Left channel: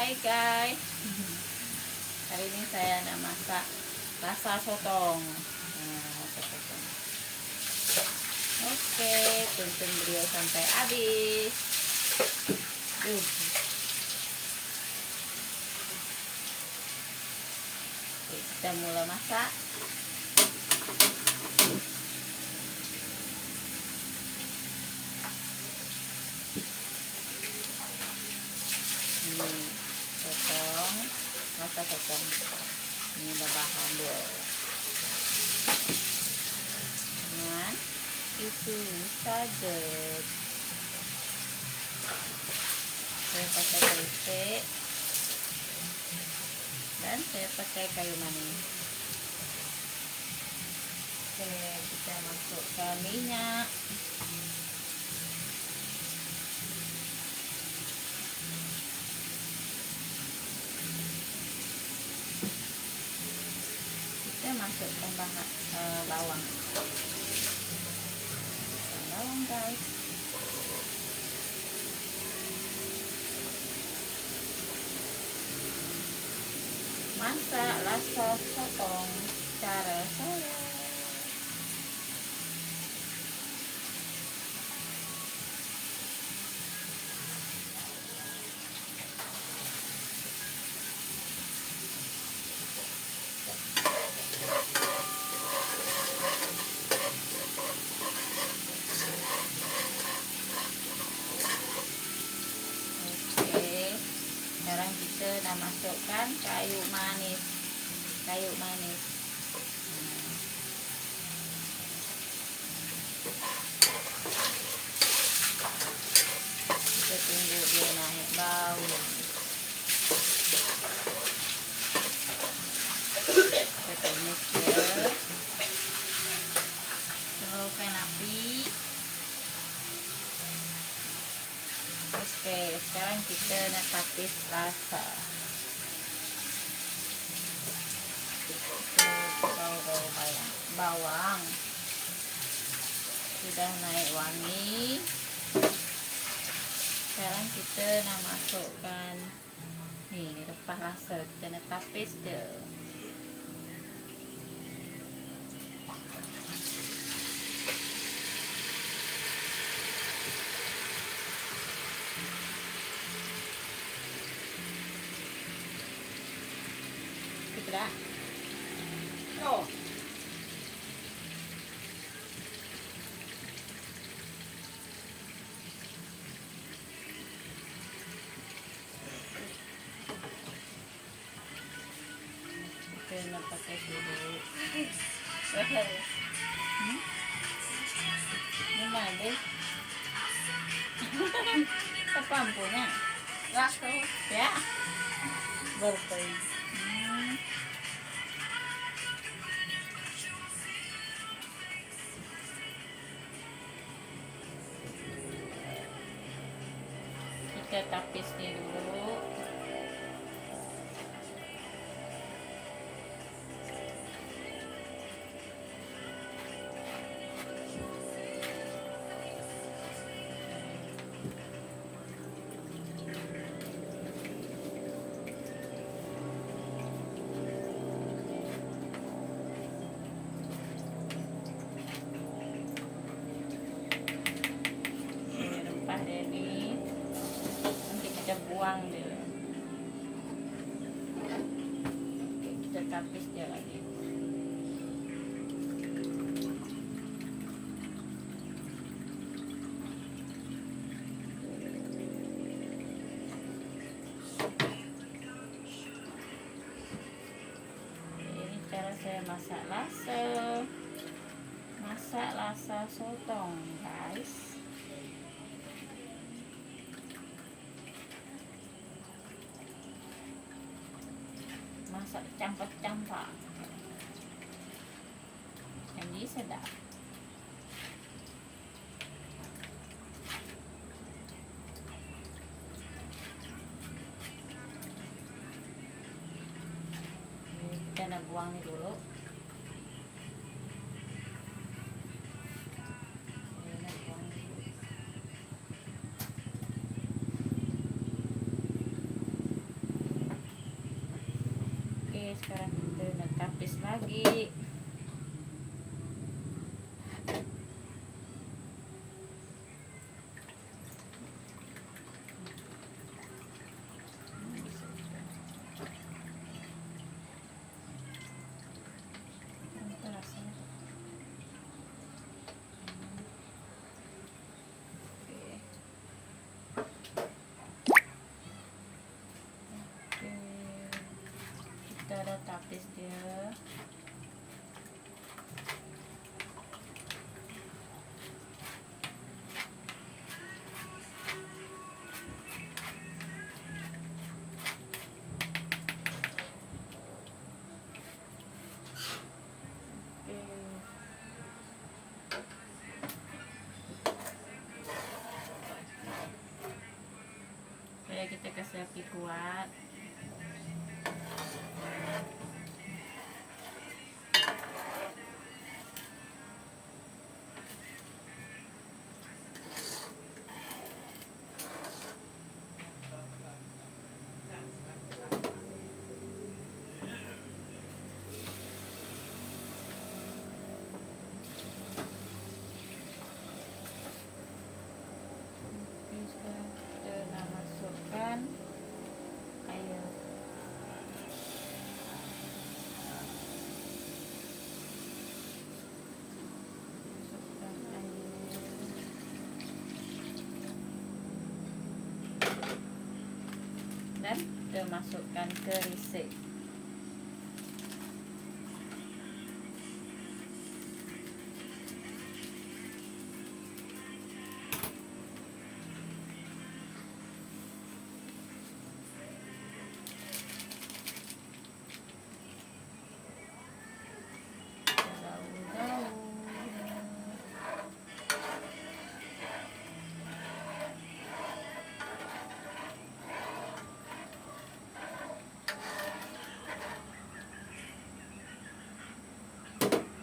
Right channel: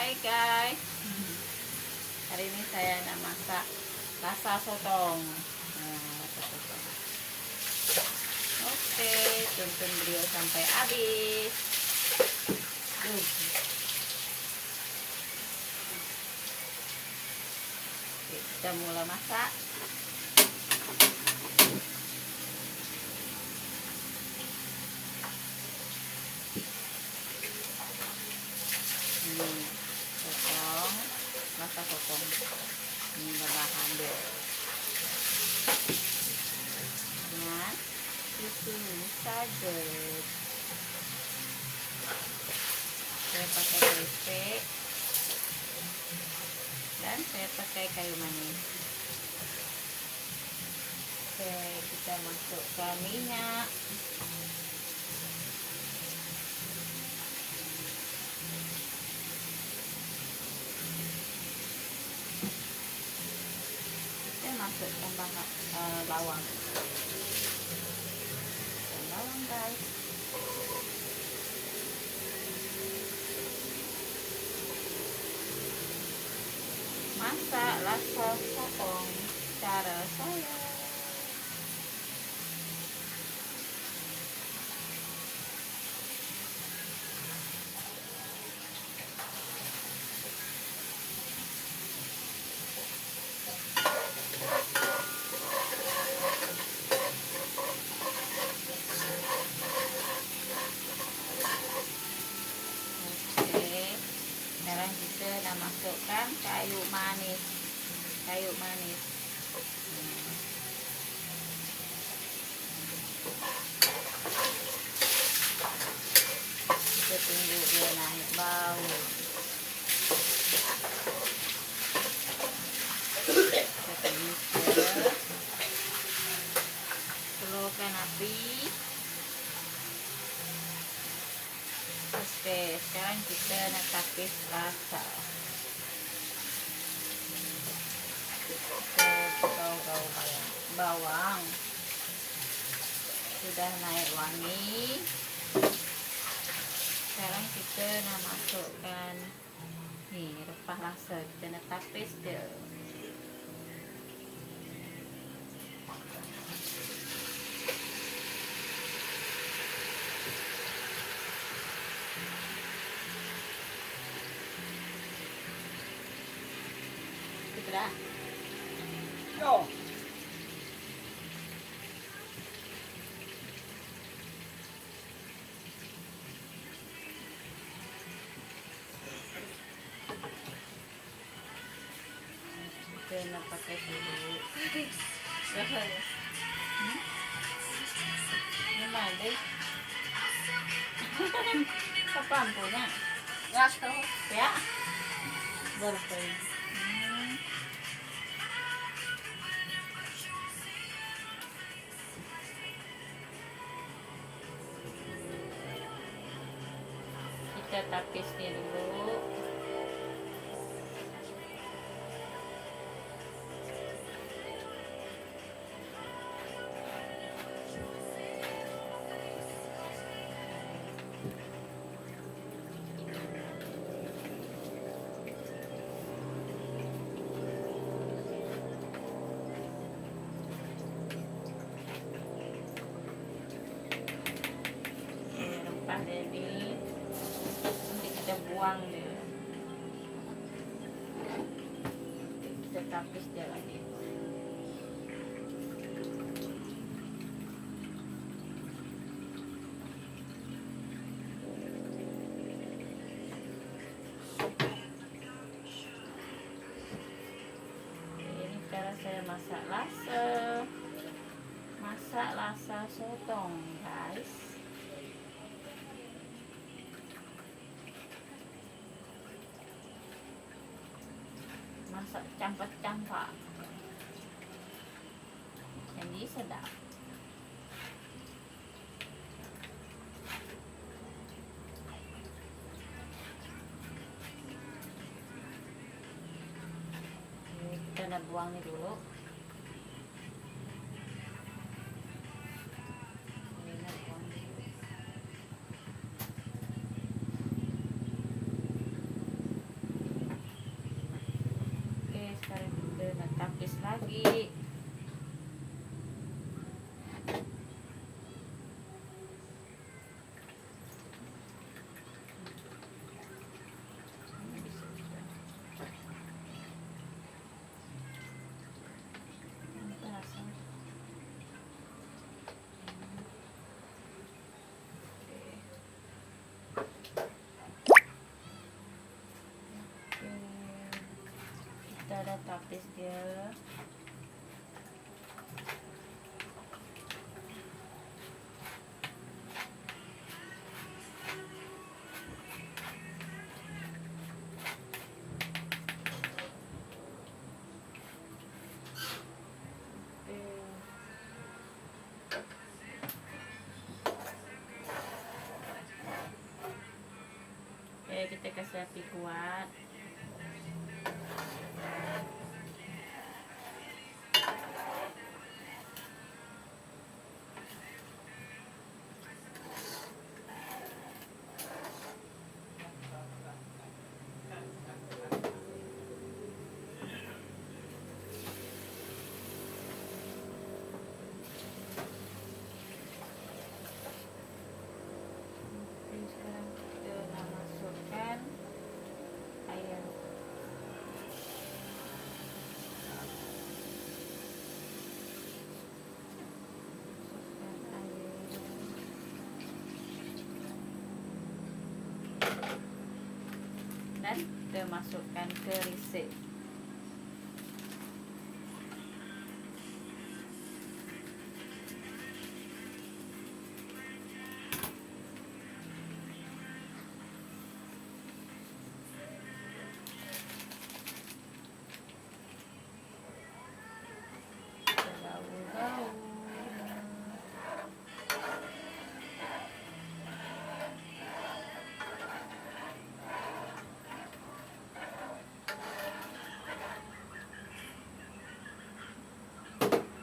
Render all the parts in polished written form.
Hai guys, hari ini saya nak masak rasa sotong. Oke, tonton video sampai habis. Oke, kita mulai masak. Ini sotong, rasa sotong. Ini ada bahan dulu. Nah, itu saja. Saya pakai gresik dan saya pakai kayu manis. Oke, kita masukkan minyak. Masukkan bawang, guys. Masak rasa sotong cara saya. Sekarang kita nak masukkan kayu manis. Kita tunggu dia naik bau. Kita tumis dia. Slowkan api. Oke, sekarang kita nak tapis rasa. Bawang sudah naik wangi. Sekarang kita nak masukkan nih rempah rasa. Kita nak tapis dia. Dah. Oh. Kita nak pakai dulu. Ini mana deh? Apa ampunya? Gasto. Ya. Berkait. Kita tapisnya dulu. Rempah ini buang dia. Kita tapis dia lagi. Ini cara saya masak rasa sotong, guys. Masak campur-campur. Jadi sedap. Kita nak buang ni dulu. Nak buang. 1 tapis lagi. Kita dah tapis dia. Supaya kita kasih api kuat. Dan kita masukkan ke resep.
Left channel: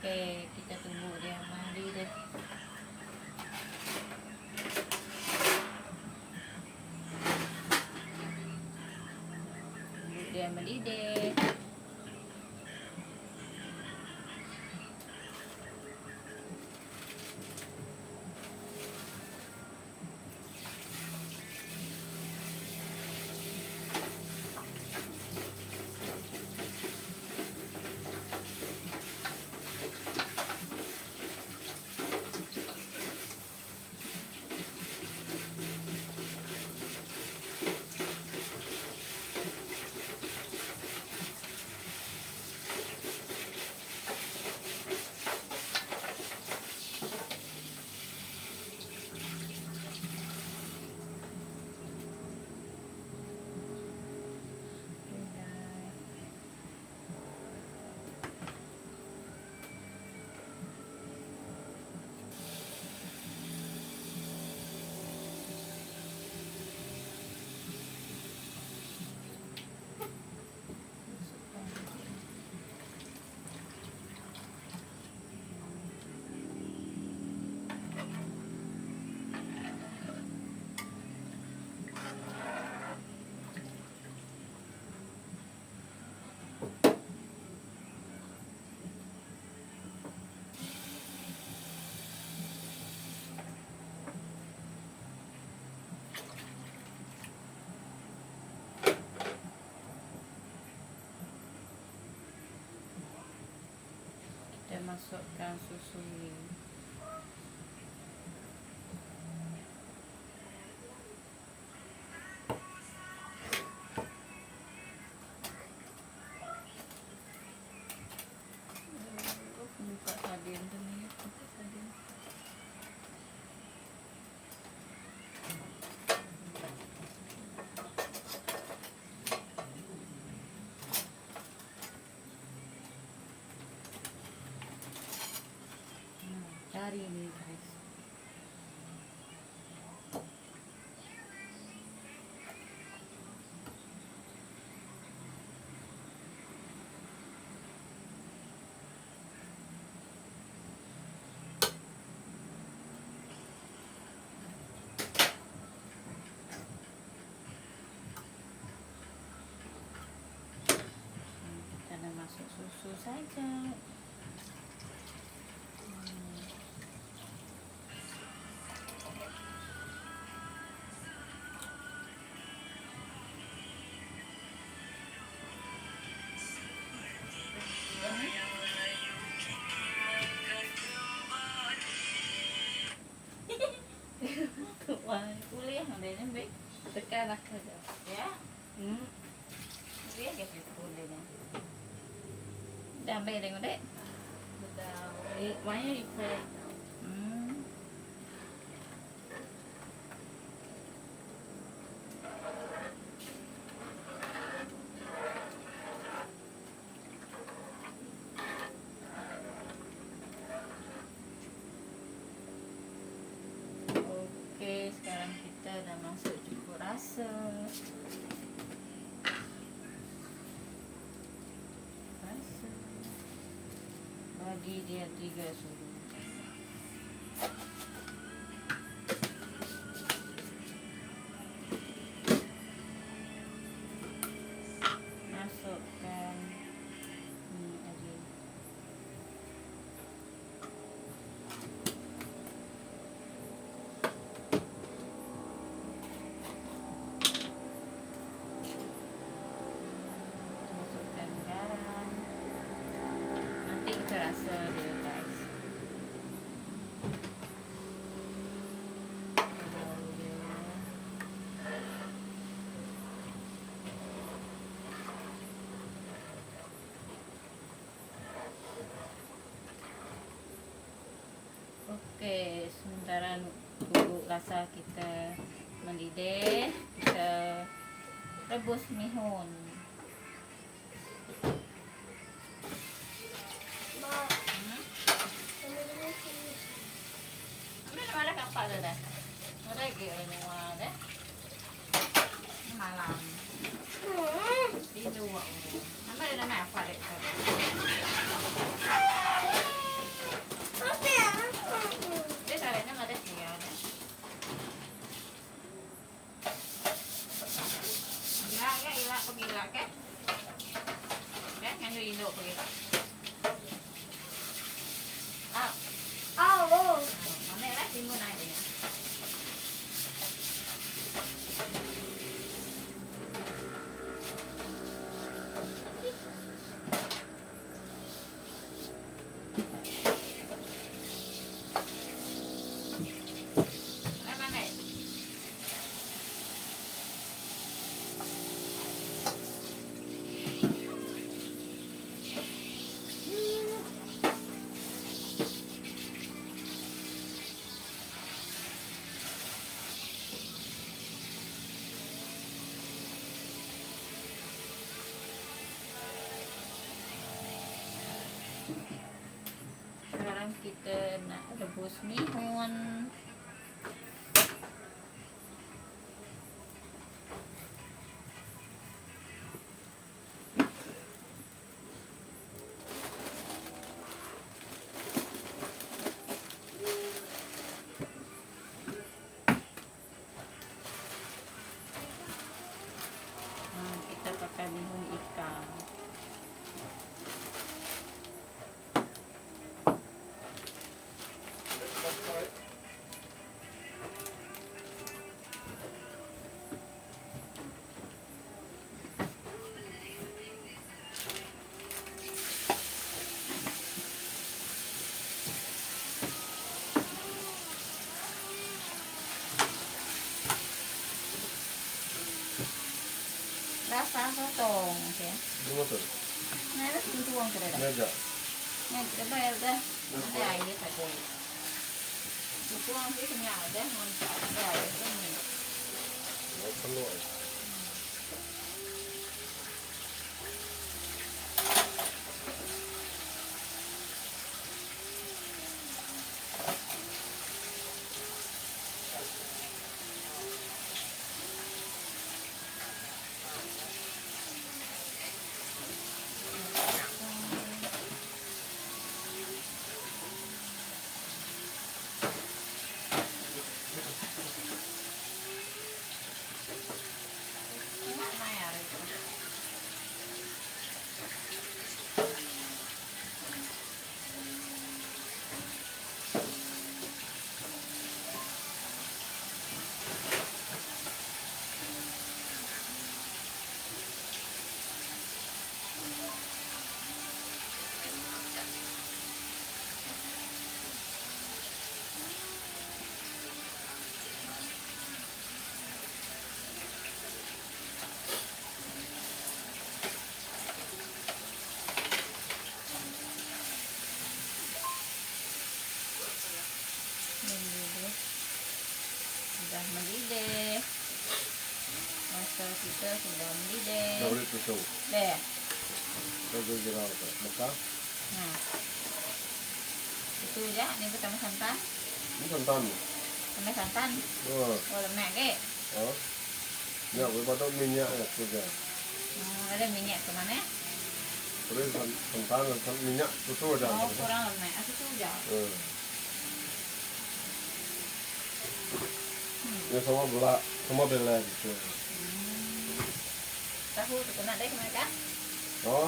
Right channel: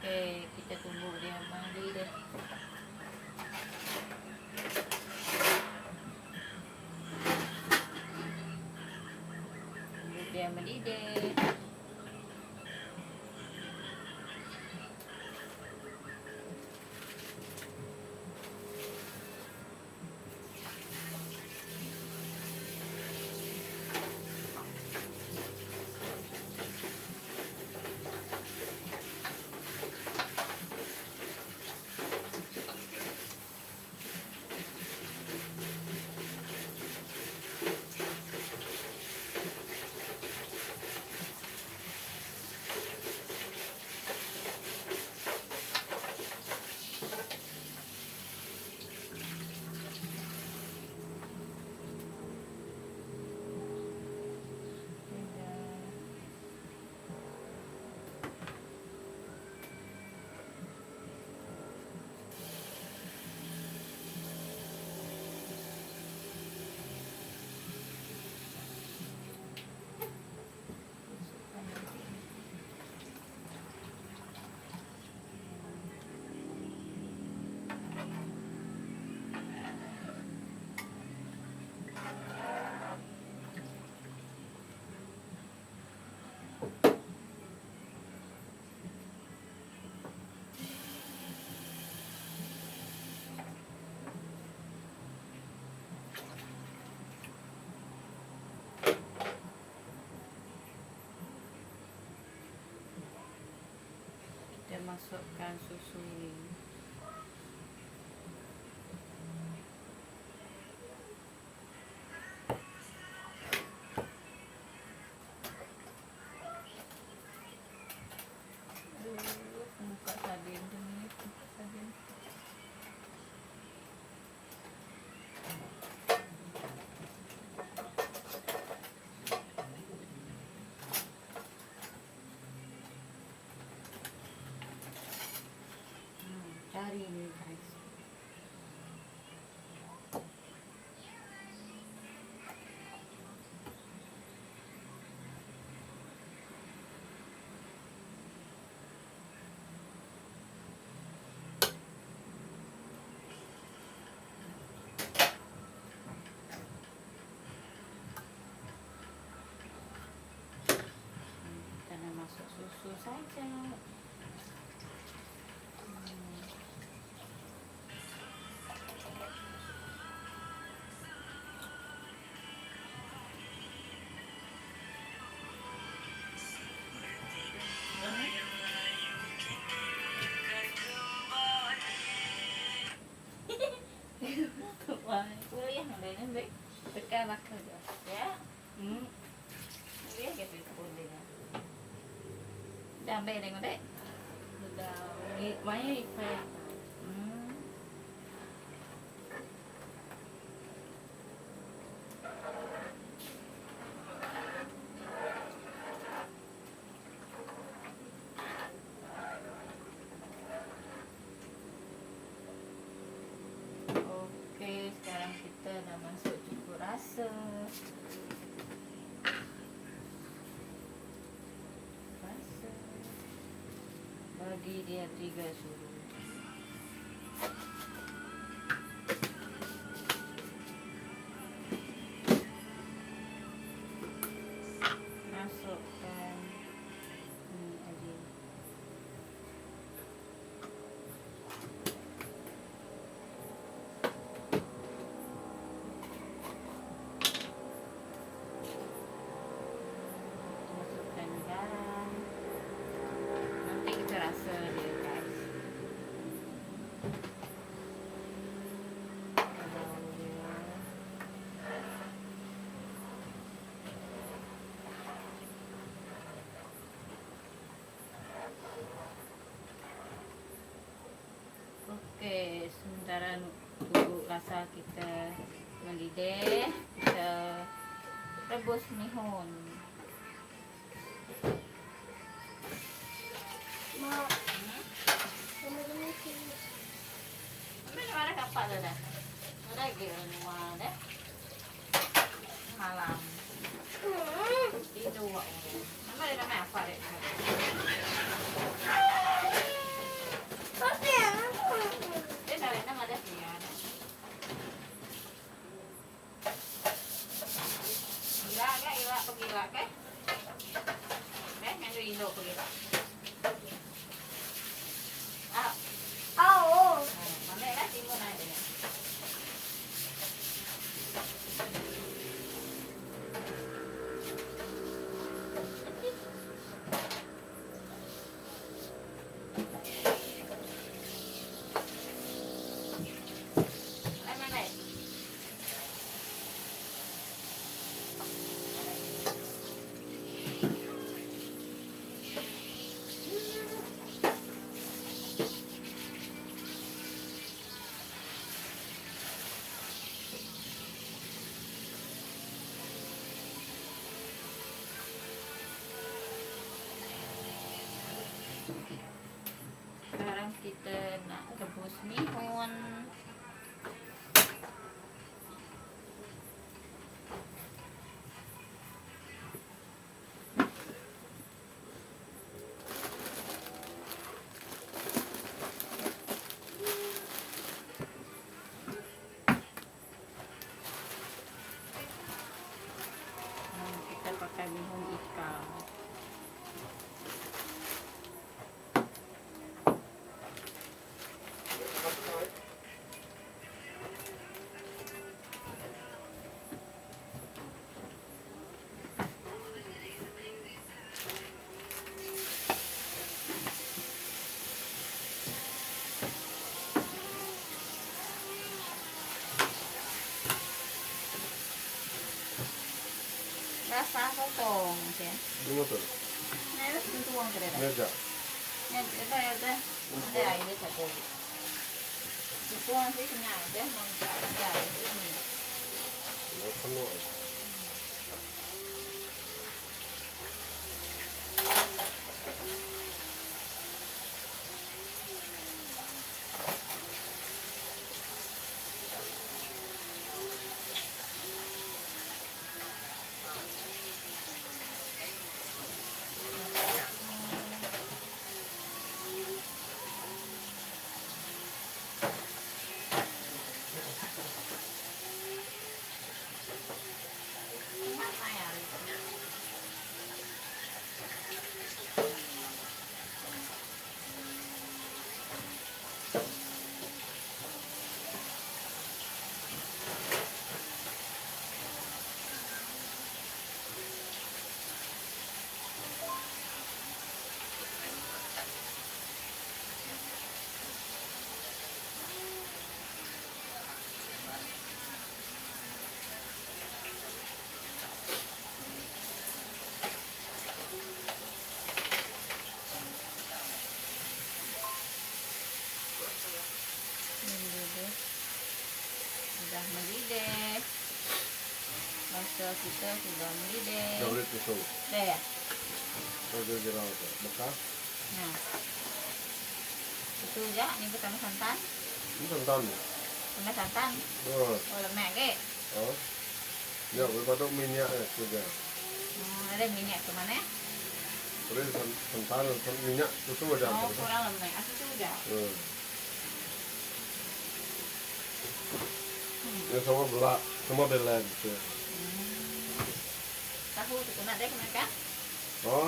Okey, kita tunggu dia mendidih deh. Tunggu dia mendidih. Kita masukkan susu ini. Buka sabun tu ni, buka sabun. masak. Kuliah adanya baik Sekarang ada. ya. Kuliah gitu kuliah. Dah baik tengok dek. Sudah. Banyak ikan. Oke, sekarang kita dah masuk cukup rasa. Bagi dia 3 sudu. Masukkan aja. Masukkan garam. Nanti kita rasa dia guys. Oke, sementara tunggu rasa kita mendidih, kita rebus mihun. Mana ada kapal dah? Mana lagi ada? Malam. Tidur. Mana ada nama apa dek? Dia tarik nama dia dia. Gila pergi ke? Ngandu Indo pergi. Mana lah timun aja ya. Sekarang kita nak rebus mihun. Kita pakai mihun ikan. Rasa sotong, ya. Betul. Nah, itu tuang ke dalam. Ada. Nah, coba ya dah. Ada air satu. Tuang sih kenyal dah. Ada air ini. Penuh. kita sudah beli Dah deh. boleh tutup. Deh. Kau jual apa? Bekal? Nah. Itu aja, ini kita tambah santan. Ini santan. Tambah santan. Oh, Oh, lemak deh. oh. Ya, boleh potong minyak ya juga. Ada minyak kemana? Terus santan, minyak susu aja. Oh, kurang lemak. Aku tuh aja. Ya sama bela gitu. Tahu kena deh kemana kan? Oh,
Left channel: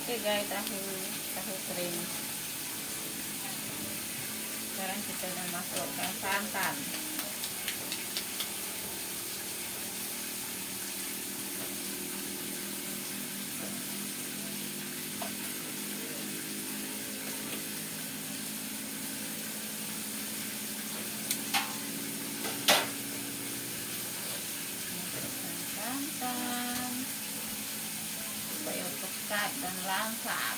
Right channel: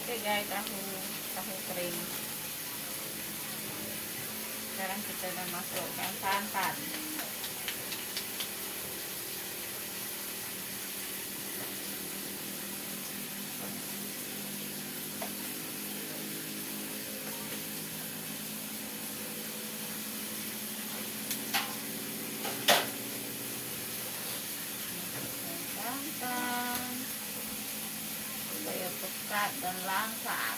Oke guys, tahu kering. Sekarang kita akan masukkan santan. Santan supaya pekat dan langsat.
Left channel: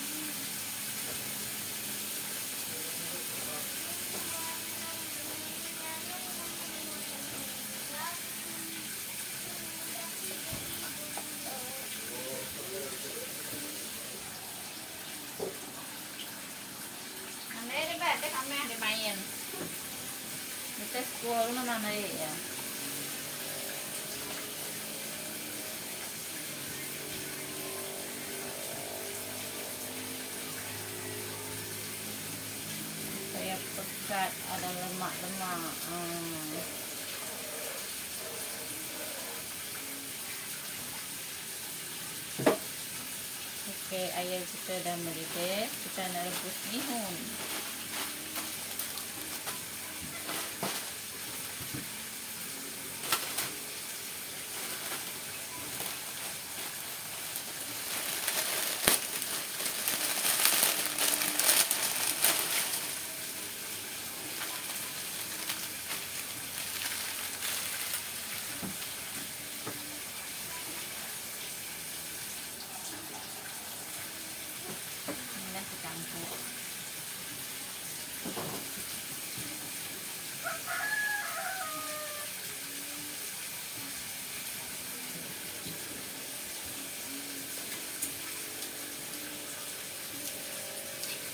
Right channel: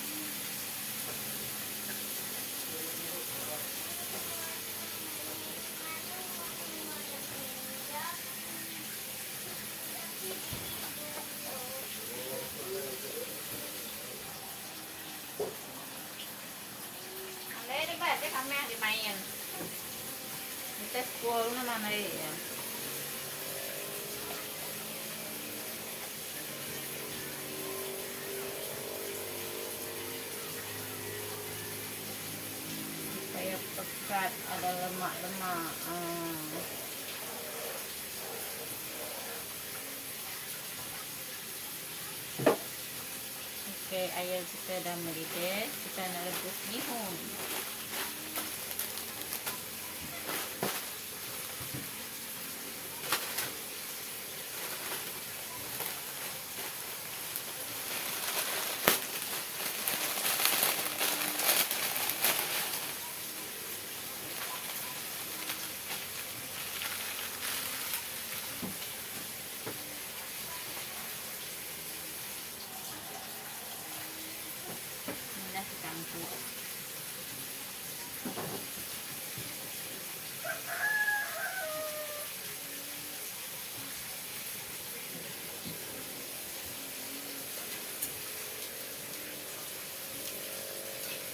Andai di bed deh kami dimain. Kita sekolah nama mana ya? Supaya pekat, ada lemak-lemak. Oke, ayam kita dah mendidih. Kita nak rebus bihun. Dah dicampur.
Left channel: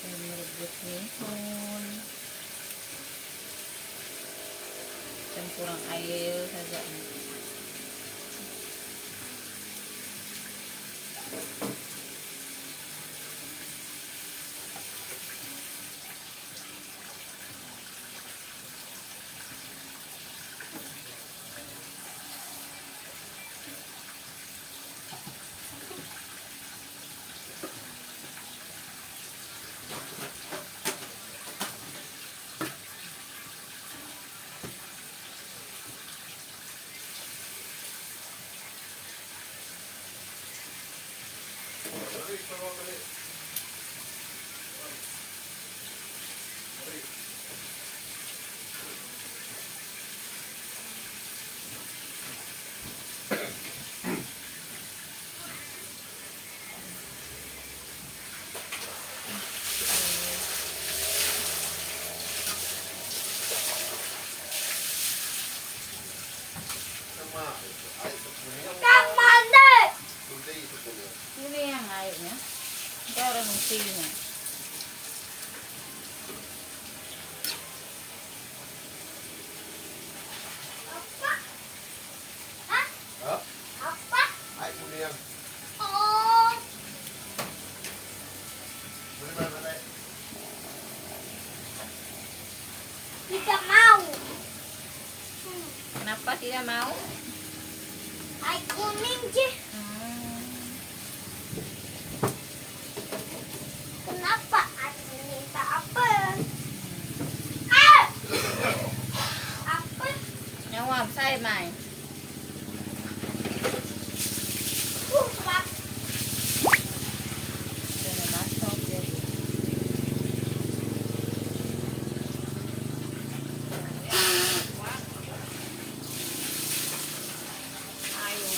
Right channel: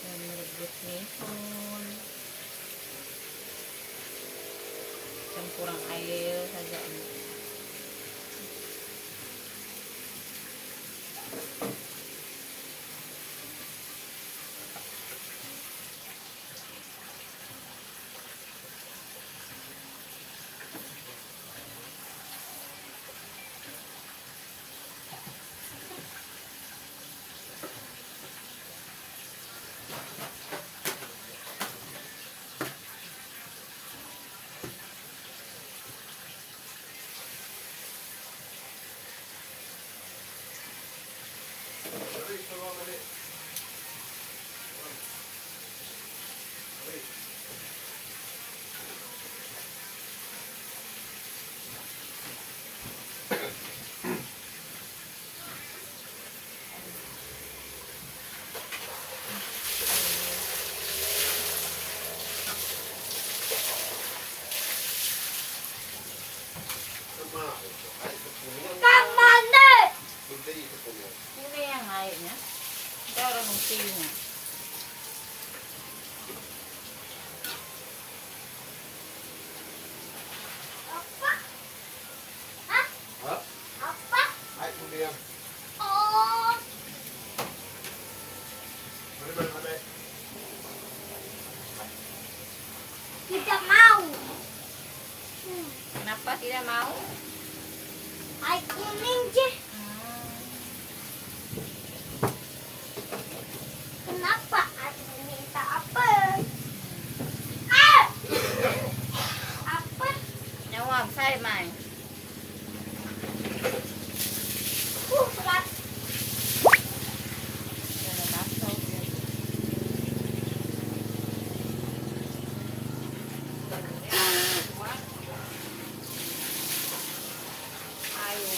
Dan merebus bihun. Campuran air saja. Ini yang airnya. Baru nasinya. Tidak mau. Kenapa tidak mau? Air kuning je. Kenapa air kuning tak apa? Apa? Nyawam saya mai. Berat. Dia masuk dia. Ayo.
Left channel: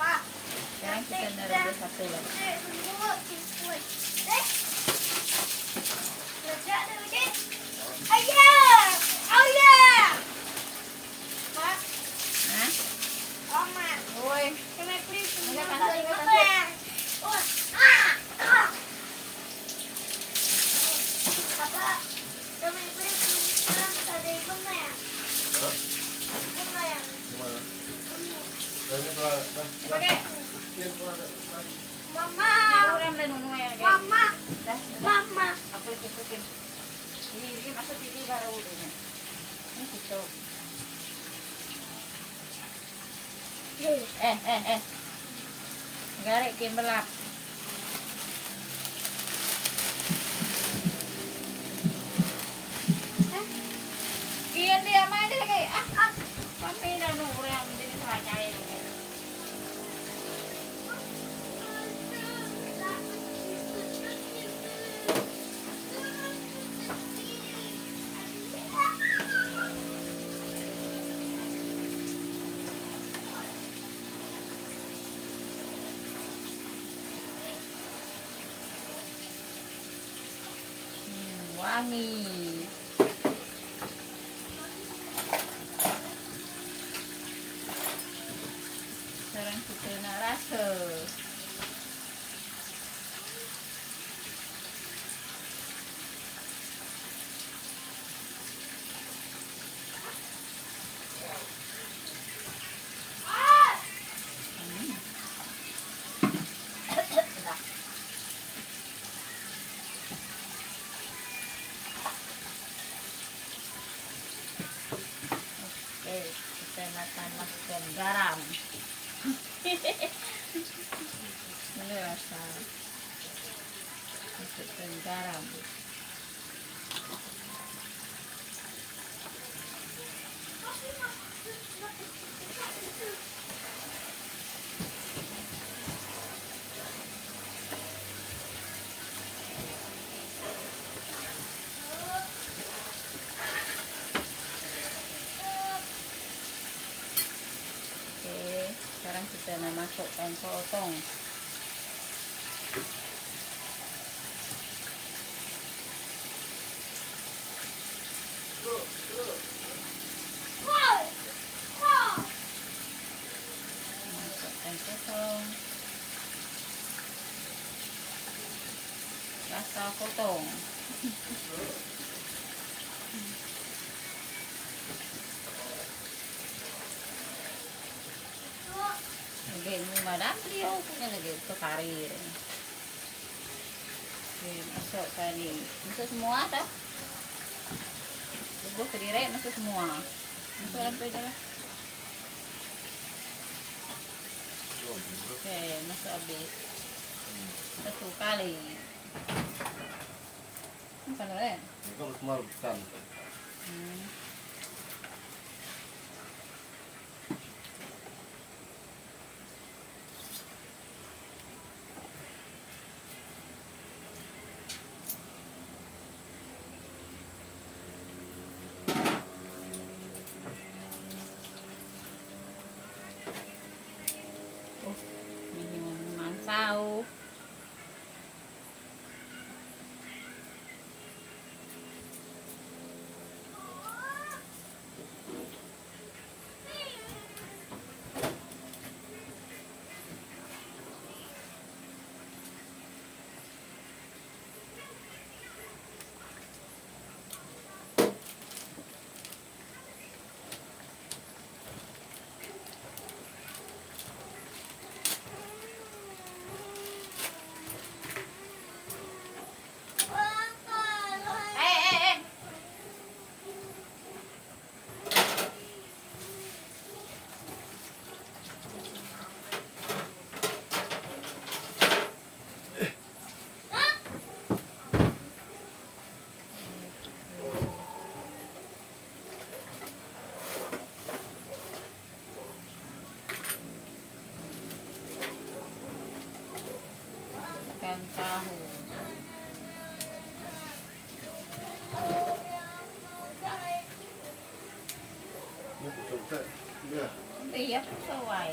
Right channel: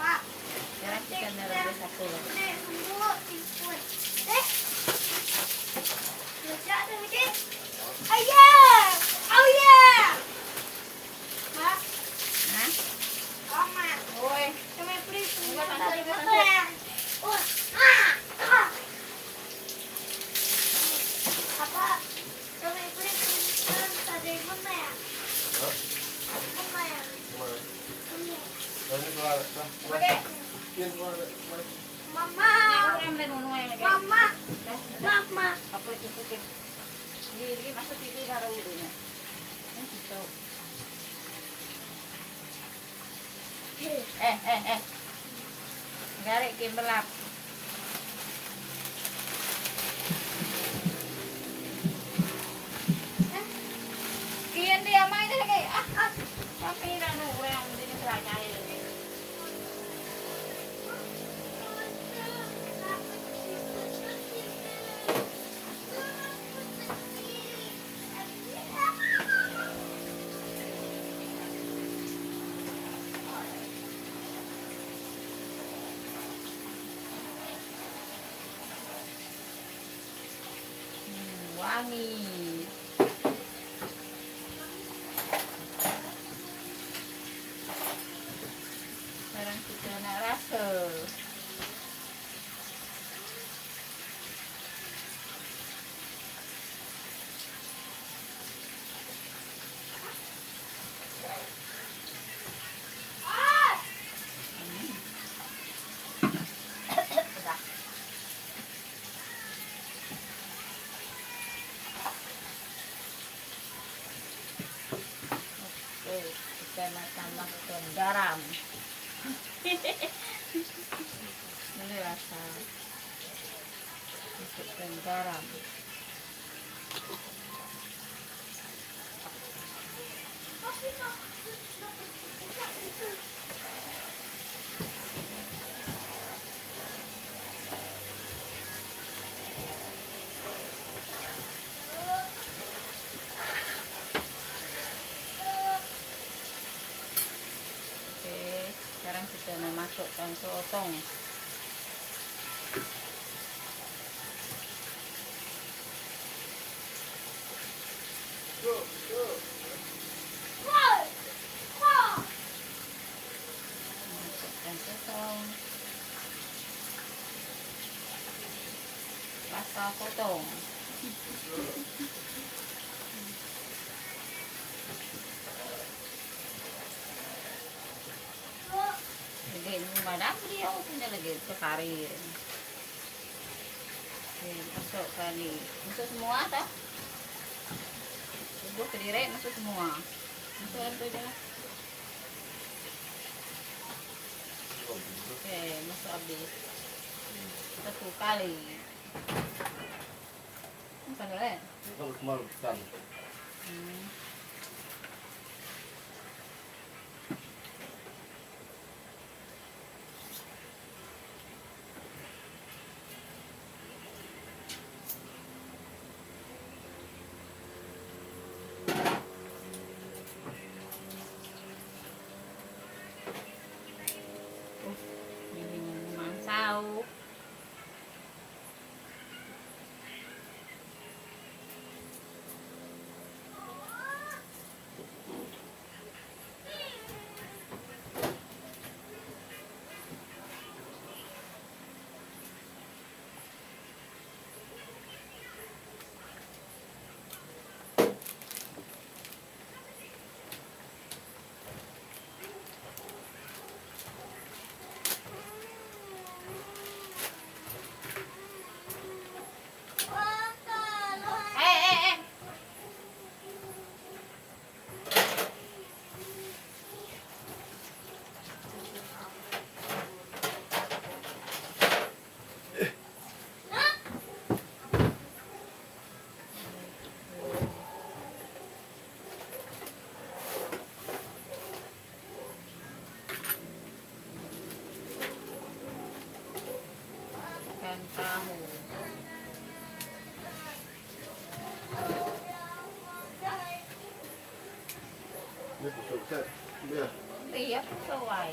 Pak. Sekarang kita merebus satu lagi. Nek, tunggu biskuit. Dek. Kerja ada bikin. Ayah. Oh yeah. Mak, Hah? Mama. Woi, Can I please Enggak, remove Tante, the enggak, button? Oh, Papa, can I please remove the button? Button. Yang ini keluar, dah. pakai. Yang keluar, Mas. Mama. Rem dan nunu yang kayak. Mama. Dah, Mama. apa itu tukin? Ini masuk TV baru udah. Ini gitu. Garek kim belak. Kian dia main lagi. Mami dah nunggu yang ini selesai lagi. Wangi. Sekarang kita nak rasa. Dah. Oke, kita nak tambahkan garam. Ini rasa. Masukkan garam. Oke, sekarang kita memasukkan sotong. Masukkan sotong. Rasa potong. Lagi ini madam dia punya lagi sekari. Oke, masukkan ini. Masuk semua dah. Tunggu kediri masuk semua. Masuk dalam tu dah. Oke, masuk habis. Satu kali. Bukan boleh. Ini kan kemarin bukan. Mansau. Ikan tahu. Ini betul. Iya. Iya, sesuai.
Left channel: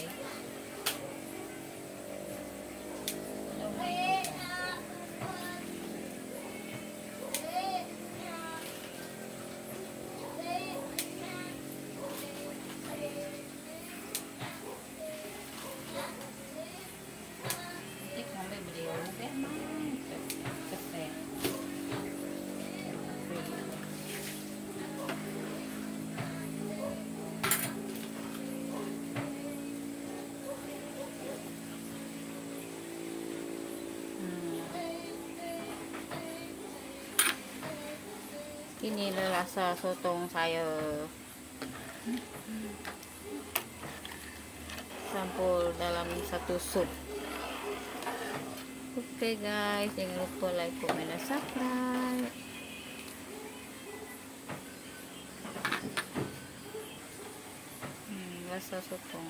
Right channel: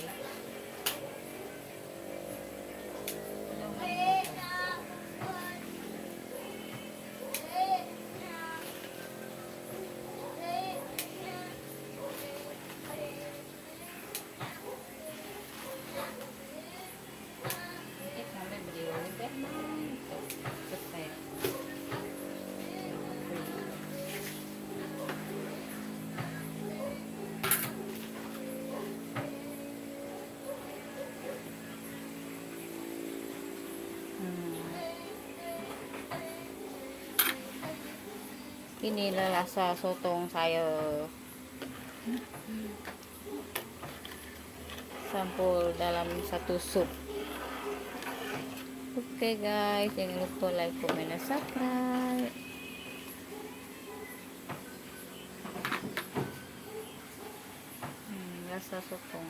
Inilah rasa sotong saya. Campur dalam satu sup. Oke guys, jangan lupa like, comment, dan subscribe. Rasa sotong.